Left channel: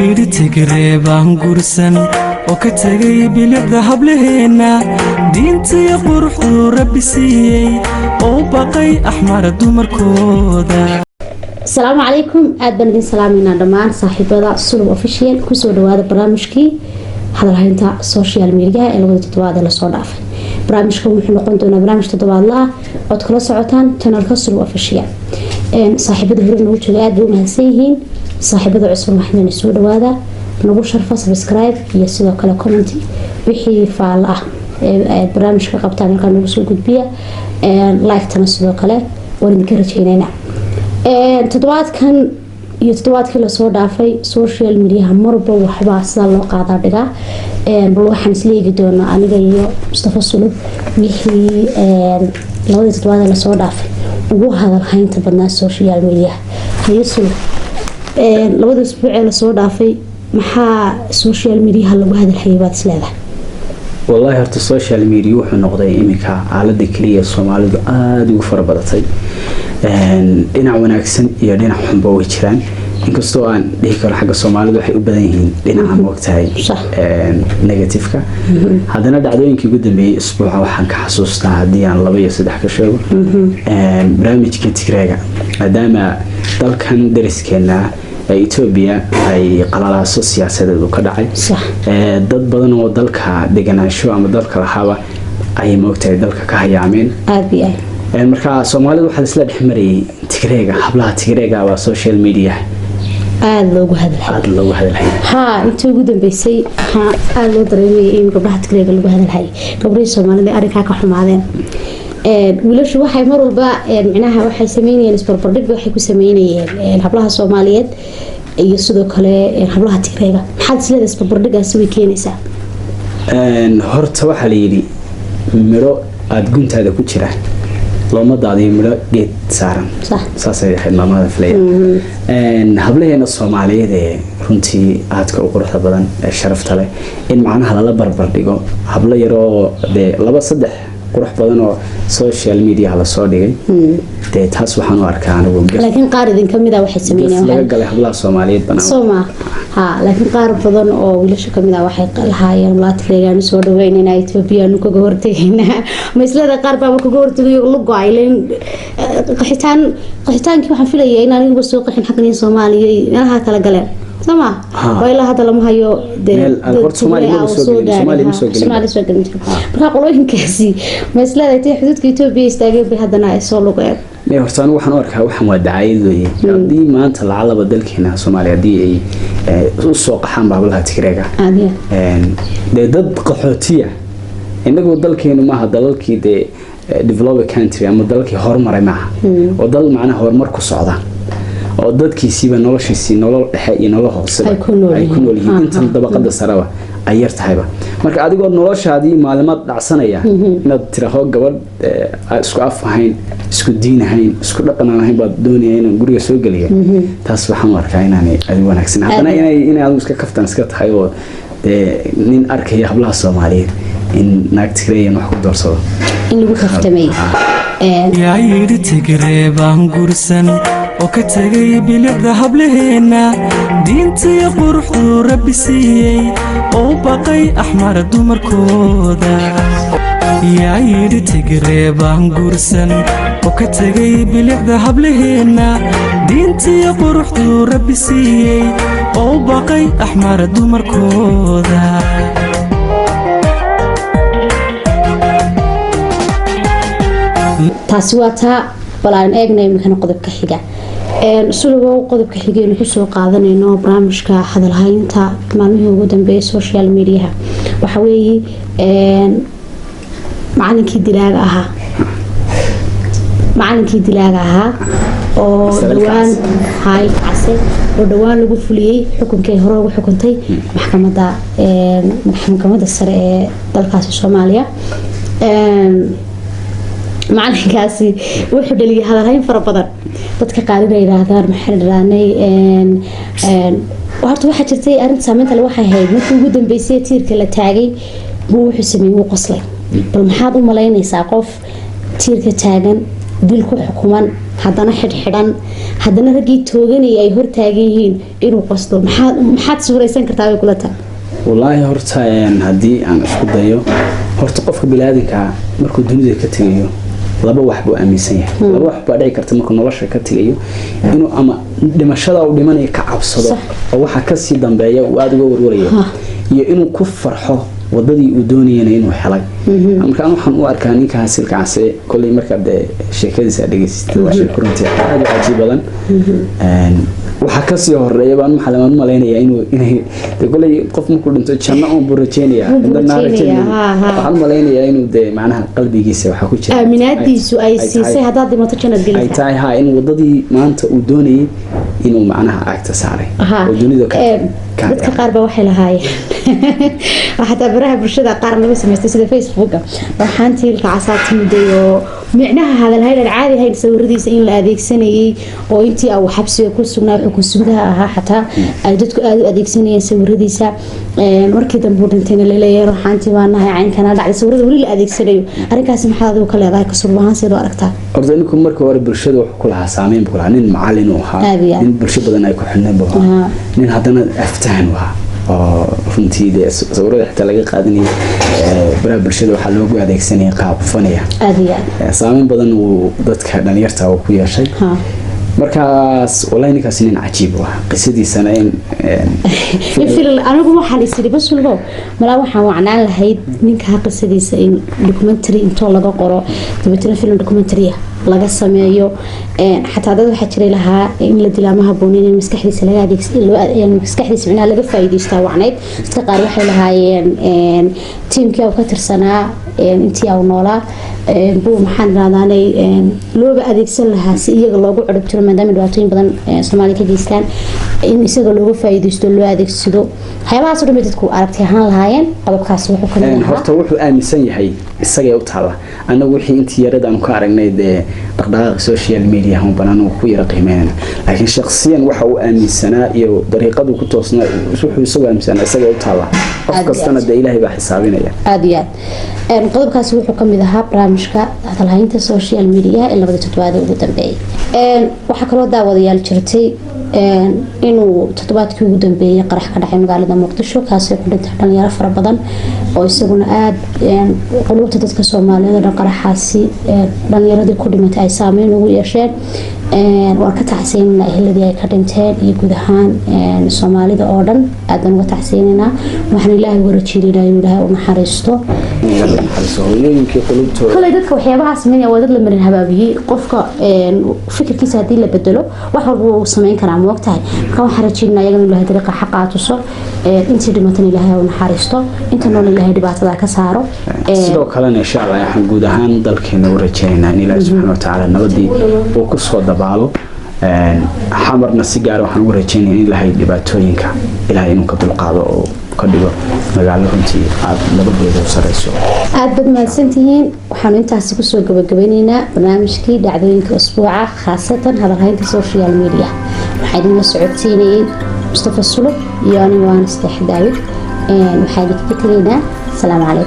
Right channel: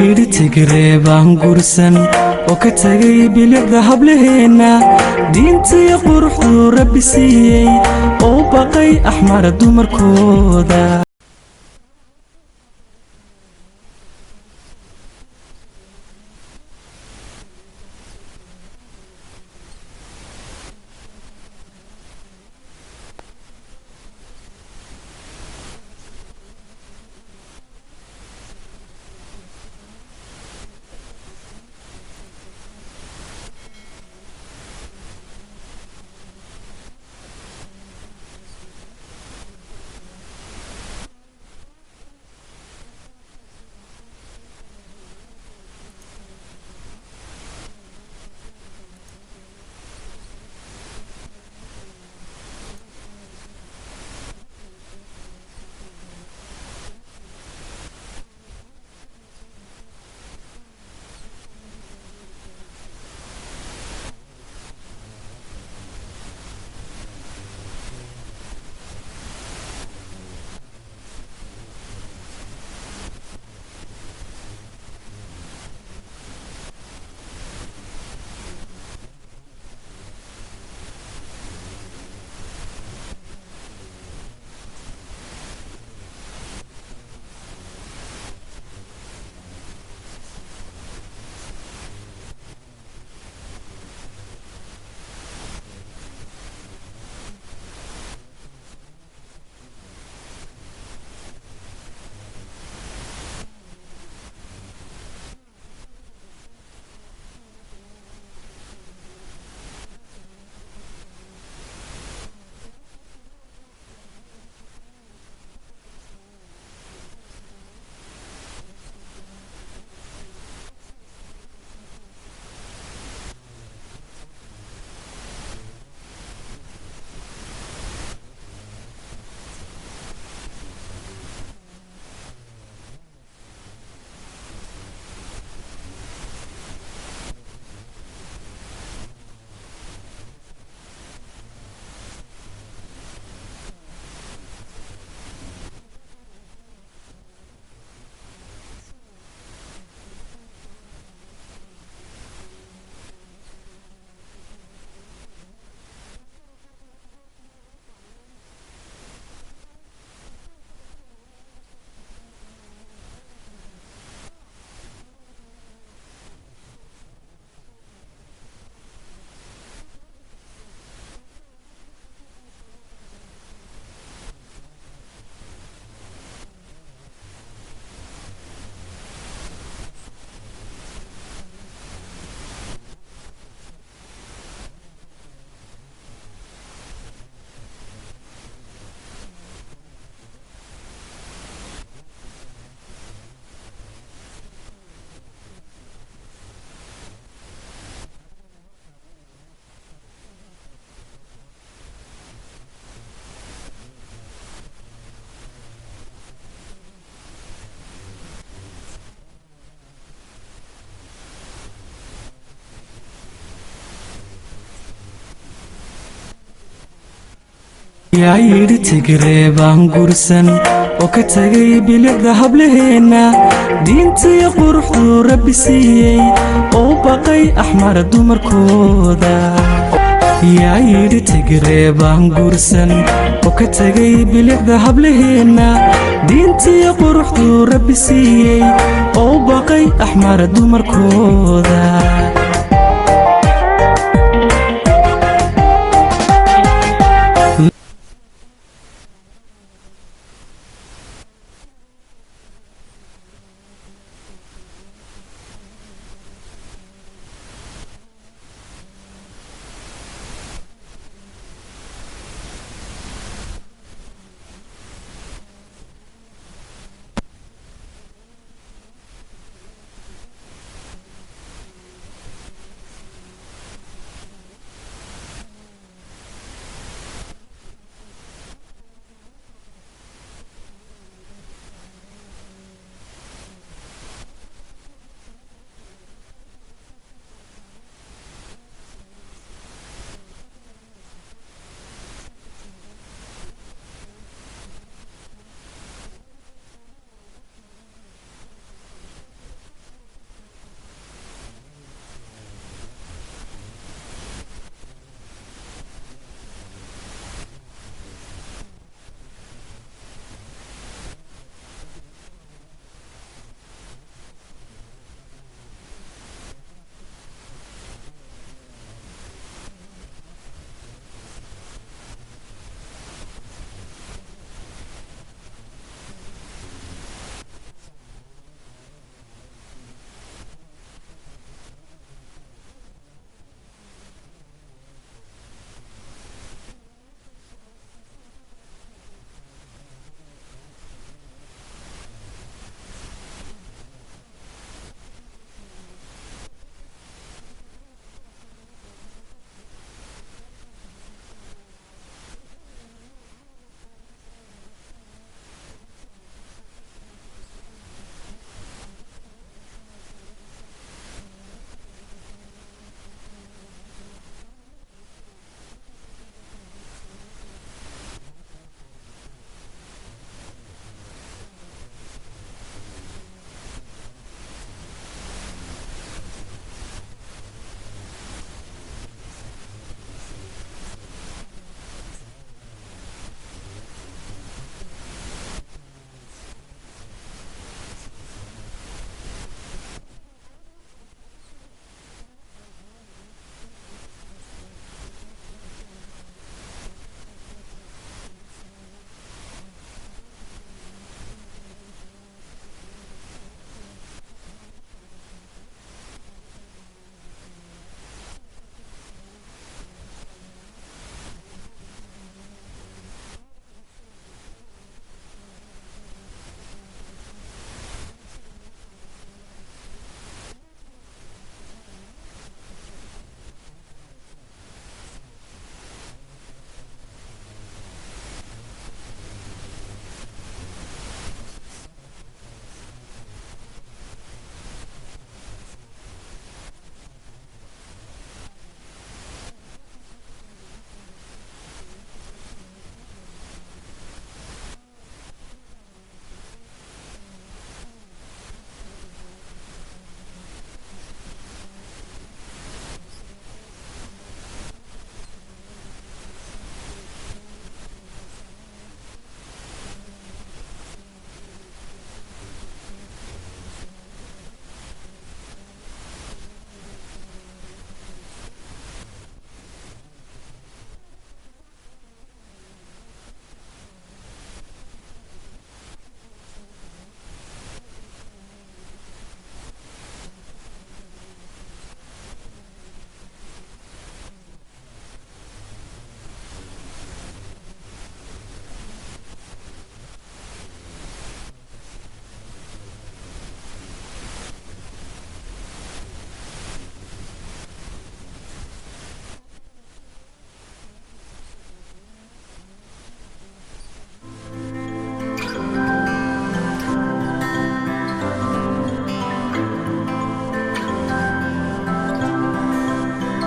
yidhi tigre baan gursan oo ka tegay bilicda hablaheena diintii quruxdu rabbi siiyey oo baqay axmar dumarkooda. السلام عليكم أدبن دين سلامنا دمان صاحبة سلو أوفيشيال كسو دوادة برامجكي هذا هينتا سوشيال ميديا اللي ودت دوادة لصوداف برامجكم وحنا قنتونا برامج تدواد الله أدخلوا سعوتان تنالك سلو أوفيشيال صاحبة هرين وجه أدو مهسيهين صاحبة عصر محنا نسو دوادة نبو شرفة سبسكرايب يسيدو كلا كومنتي بحي فعلا برامج كقبتان كان نبسو قد بيا لايك تنسيدو كلا ونذكرت هنا toddobaadkan iyo toddobaadkii lasoo dhaafay social media marba waxbaa sida loo qaadaa dhigaa bal waxaan isla eegi doonaa aniga iyo Mustafa Sulub wixii labadii toddobaad lasoo dhaafay ugu hadalhaynta badnaa social media hayo Sulub labadii isbuuc ee lasoo dhaafay maxaa social media lagu hadalhayay baad isleedahay والله هرت السوشيال ميديا وحنا نقضي إمكا على ذكرية الصومالي عاد وفر بدتي دينا وناكسن يا دينا حنبا وجران إنك استوان ديك الحاجة الصومالي وحي أبدين دينا عم وقتها نيجاتيفكا هذا ندعو إنك جدا بأسبوع وحن كحسوسنا ديان الله بيصدق كشغل برامج كتيرة دام ضل كان درس كنا إثيوبيا أي قلالة سياسية وكذا dad badan oo dalka deganaansho ama dalka lahaaba ay moogtay dalka ka hayaamin marka Soomaalidu waxa isla dhexmariyay Tigreega hablaha Tigreega waa social media aad loogu hadalhay ha intii ugu dambeysay aad loo dareemay in gabdhaha Tigreega lagu hadalhay gabdhaha Soomaalida arrinka ka xumaadeen wiilashu waxay mar walba macnaha waxay sameeyeen isbarbardhig waxay ku sameeyeen hablaha Soomaaliyeed iyo sidoo kale hablaha Tigreega maxaad isleedahay isbarbardhigaas way keenaysaa horta waxa la yiri miro aad guntaada ku jiraan looma daadiyo miro geed saaran saasay ahayd maamada Fleya hablaheena Soomaaliyeed ee runtii aadka u quruxda badan ee sharafta leh in macnaha la barbardhigo habla yar oo laba saddex qurux badan oo social media la soo dhigay taas waxaan u arkaa anigu laakiin qaar idin kamid ah waxay sameeyeen laga galay hablaha Soomaaliyeed banaan Sooma laakiin qaar badan oo wiilasha kamid ah waxay lahaayeen la Tigreegaan soo dhaweynayna Ethiopia nu kaga hortagayna ma isla qaar baa kaga hortagay lugu ayleen qaxitaankii waxaan filayay in anigu soo qaxin xaqnii Soomaaliya meelaha kala galeen sama wayla hada lama hayo Soomaaliya soo galay marka qolooyinkaasi ma isleedahay xuduudka Ethiopia istaagay bay hadana ay soo lugeen nee horta anigu waxaan arkaa waxaan waa dacaayad weeye hadii maanta lacalaba dalkeena Soomaaliya hadii ay u soo qaxaan baablaha Tigreega dad qaxootiya inagu dalkeenu ma aha dalkii developed country ama dalkii horumaray ma aha oo dal macnaha horumar ku socda oo dadkiisiiba noloshiisii nolol dhexe iyo nolol hoose ay ku nool yihiin inta dabaqada saraba ay yar tahayba marka adigoo noloshaadii maalimaad dhacsanaya inaad tiraahdo gabadh isku af ahayn isku diin ahayn isku dhaqan ahayn baad doonayay in guriga soo galiyo taas waxaan u arkaa inaanay aad wanaagsan hadana inay aad iska kaftan iska tahay oo nin arkaya hablaha Soomaaliyeed in naag Tigreeyan wax ku doorsado in lagu kaftamay yaa yidhi Tigre baan gursan oo ka tegay bilicda hablaheena diintii quruxdu rabbi siiyey oo baqay axmar dumarkooda yaa yidhi Tigre baan gursan oo ka tegay bilicda hablaheena diintii quruxdu rabbi siiyey oo baqay axmar dumarkooda taasi waa taa balaan eegnay maxaan qodobka xiga sulugo qodobka xigeen ku soo qaadanayno barnaamijka hadalhaynta maalmihii ugu dambeeyay social media waxa weeye macallinkii dilaaga ahaa oo dhawaan hay casay oo dhawaan lagu fuliyay xukunkii hore ugu xukuntay maxkamadda sare ee dalkaasi Soomaaliya macalinkaasi wuxuu dhaliyay hadalhayn fara badan dadka qaar inay yiraahdaan maxay dhalaanay horta waxa jirtay arrin saameynta leh waxay ahayd markii ugu dambeysay tiirka la taagay wuxuu sameeyay qoslay bal maxaad u malaynaysaa qof tiirka taagan dil ku xukuman haddana xidhxidhan haddana raggii tooganaya ay hortaagan yihiin inuu qasdo maxaad suuraysan kartaa way kula tahay wallaahi horta haddii aan isku dayo horta qofka bini'aadanka markuu dunida ka tegayo laba wax buu aaminsan yahay laba wax baa dhici karta markuu nolosha ka tegayo inuu ama dhimashada uu dhimanayo ka cabsado oo waxa ka sii dambeeya uu aad uga warwarayo iyo inuu ku farxo wadadii uu doonayay inuu helay markaan waxaan u arkaa ninka hasilkaas kulli marka sheekadiisa dhageystay waa sheeko runtii aad u cajiib badan waxa ka sii horeeya baan maxalamaan maleynaya inay kulli qof markuu dhinto janno oo burajeynaya waxaan maleynayaa inuu macnaha qalbigiisa waxa ku jira aaminaadiisu ay siisay hadaa dhimato jannad gelaysa ay tahay ha in wadadii maanta uu doonayay inuu macnaha agta saaray oo dunida ka dadka qaar ba waxay lahaayeen hatta baraha bulshada qaar lagu sameystay sida Facebook waxaan tiilka casaatimiday oo micnaha hadal hay'ad caadi hayn sawiradiisa in la adeegsanayay oo intii uu xabsiga ku sugnaa wuxuu ku sugnaha ahaa xataa ay dadku aad u adeegsanayeen sawiradiisa markii dambe uu dhintayna la leeyahay waxaantii waanahay caynkana dhacday sawirada wali la adeegsanayo arrinkaas maxaa adigu ka leedahay ka suubahan sidoo aragtaa ordayinku markii hore bulshada wax ku lahaa saameyn ku lahaa nin macallin oo ahaa nin bulshada badan ay ku xidhneen baa nin haddana aftaan waa oo runtii sawirada xitaa laga qaadanayay baraha bulshada waxaa loogu adeegsanayay qaab fanaya saameyn badan uu dadka dhalinyarta ku yeeshay markaas wallahi ninkaas nin cajiib ah qisadiisana anigu waxaan isiri bas walbo malaa waxaan wacnaan lahayd ninka qisadiisa in documentary intoo laga qoro dabeetana film documentary laga sameeyo xataa dad waxa jiray lahaa in la dilaamaha boonin in maskaxdiisa laga adeegsado maskaxdiisa macnaha laga faa'iideysto wacnayd dadka qaar waxay lahaayeen teamkii uu ka tirsanaa intii uu noolaa buu maxaan raadaanay looga adeegsan lahaa si iyaga loogu cirib tiro maadaama dhibaatooyin badan Soomaaliya ka geystaan in isaga looga faa'iideysto loo adeegsado waxyaabahaas oo dhan dadku aragti ahaan lahaayeen qodobkaas wuxuu ka mid horta wuxuu aaminsan yahay isaga u taala anagu wixii intii yaradaan ku aragnay dhaqdhaqaaqa social media hum banaan ku yara qiimeeyna laakiin shakhsiyan waxa uu aaminsanaa iyo dariiqadu ku toosnaa wuxuu isaga aaminsanaa isaga u taala qof kastana Ilaahay baa xisaabinaya aad iyo aad qodobkaas wuxuu ka mid ahaa barnaamijka hadalhaynta social media ee labada toddobaad ugu dambeeyay waxa kaloo daawadayaal jirtay inuu toddobaadkii ugu dambeeyay qarax ka dhacay magaalada Muqdisho kaasoo ku dhintay dhalinyaro fara badan oo isaguna aad qulubta dadka Soomaaliyeed oo qaraxaasi dhalinyaradii ku dhimatay ay saameyn ugu yeesheen waan ka tacsiinaa eheladii ay ka dhinteen iyo guud ahaan Soomaalida oo dhan aad baan uga tacsiinaa waxaan Ilaahay uga rajeynaa inuu Ilaahay u naxariisto kale dadka waxyaabaha sameeyaa waa dad la marin habaabiyay qofka fikirkiisa hadii la bedelo wax walba uu sameyn karaa ma ogtahay marka waxaan rajeynaa inuu Ilaahay dariiqa xaq aatuso intii dhimatay Ilaahay u naxariisto inta nool Ilaahay dhibaatada ka saaro sidoo kale insha Allah waxaan guud ahaan dalkeena u rajeynaynaa in Ilaahay subhanahu wa ta'ala nabadii uu ku soo dabaalo xamarna si gaar ah waxaan ugu rajeynayaa in Ilaahay dhibaatooyinka Ilaahay inuu ka dulqaado oo ka dhigo magaalo runtii aad nabadeeda u sareyso aad bad mahadsantihiin waxaan intaas ku soo gabagabeynaynaa barnaamijkii dhacdooyinka usbuuca khaasatan hadalhaynta social media waxaan idin socodsiinayay Mustafa Sulub iyo aniga waan Sadex Daawid waxaan idin ka tegaynaa salaam calaykum